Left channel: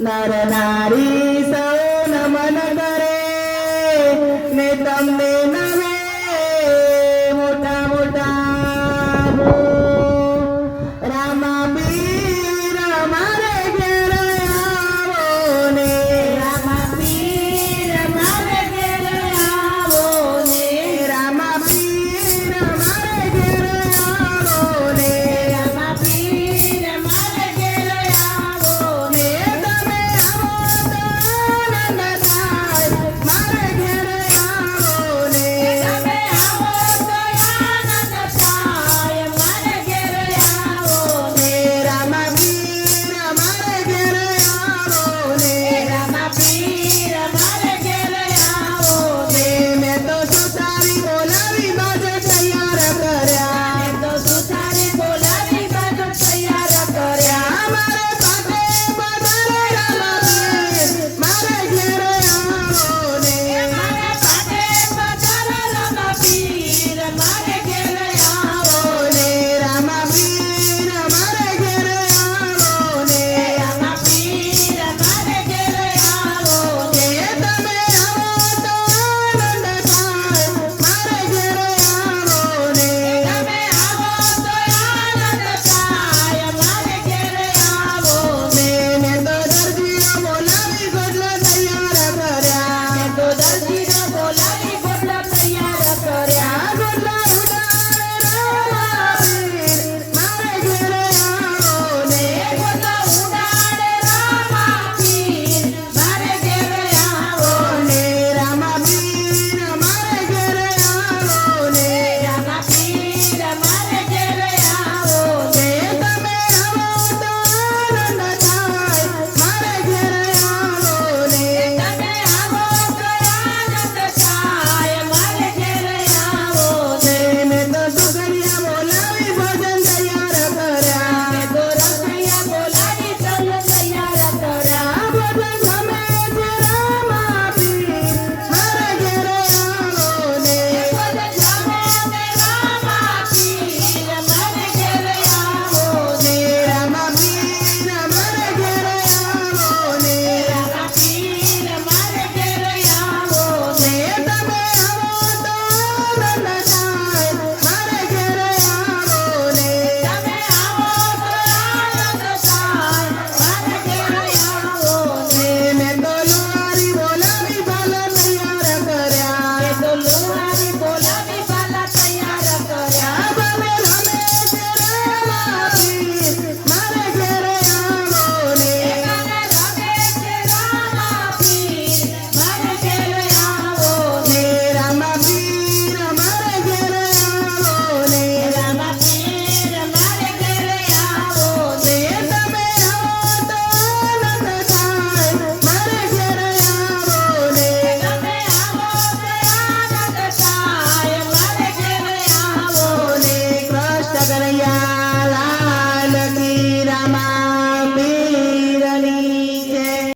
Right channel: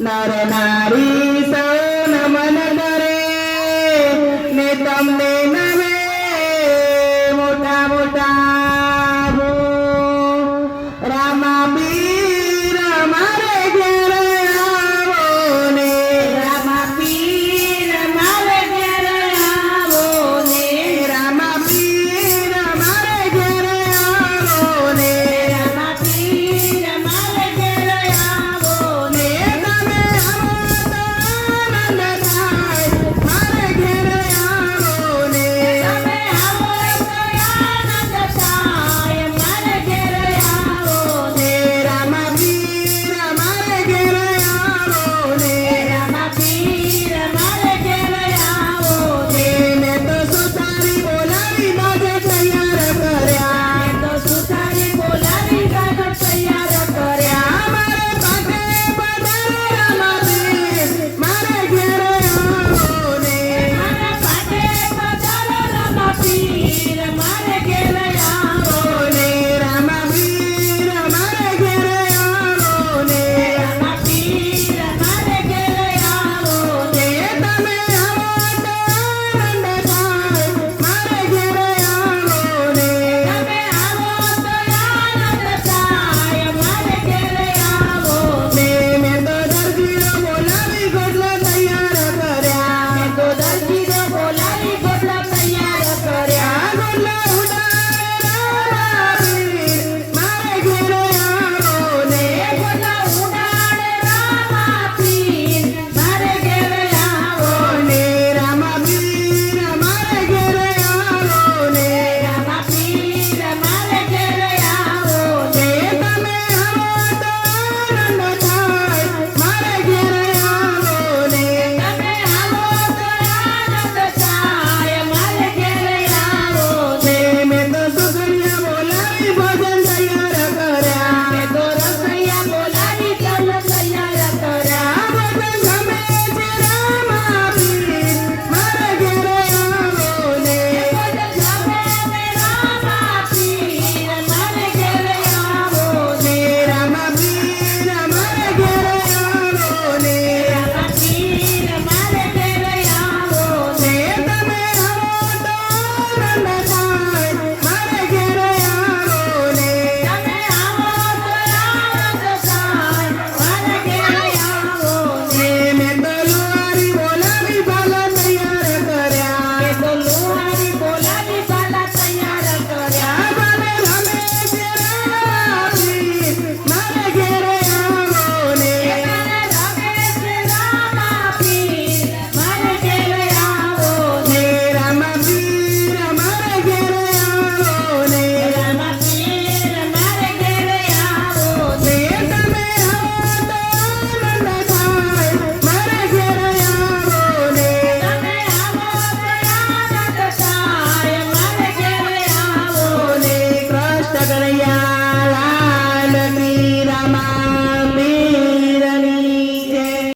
Narana. Mama,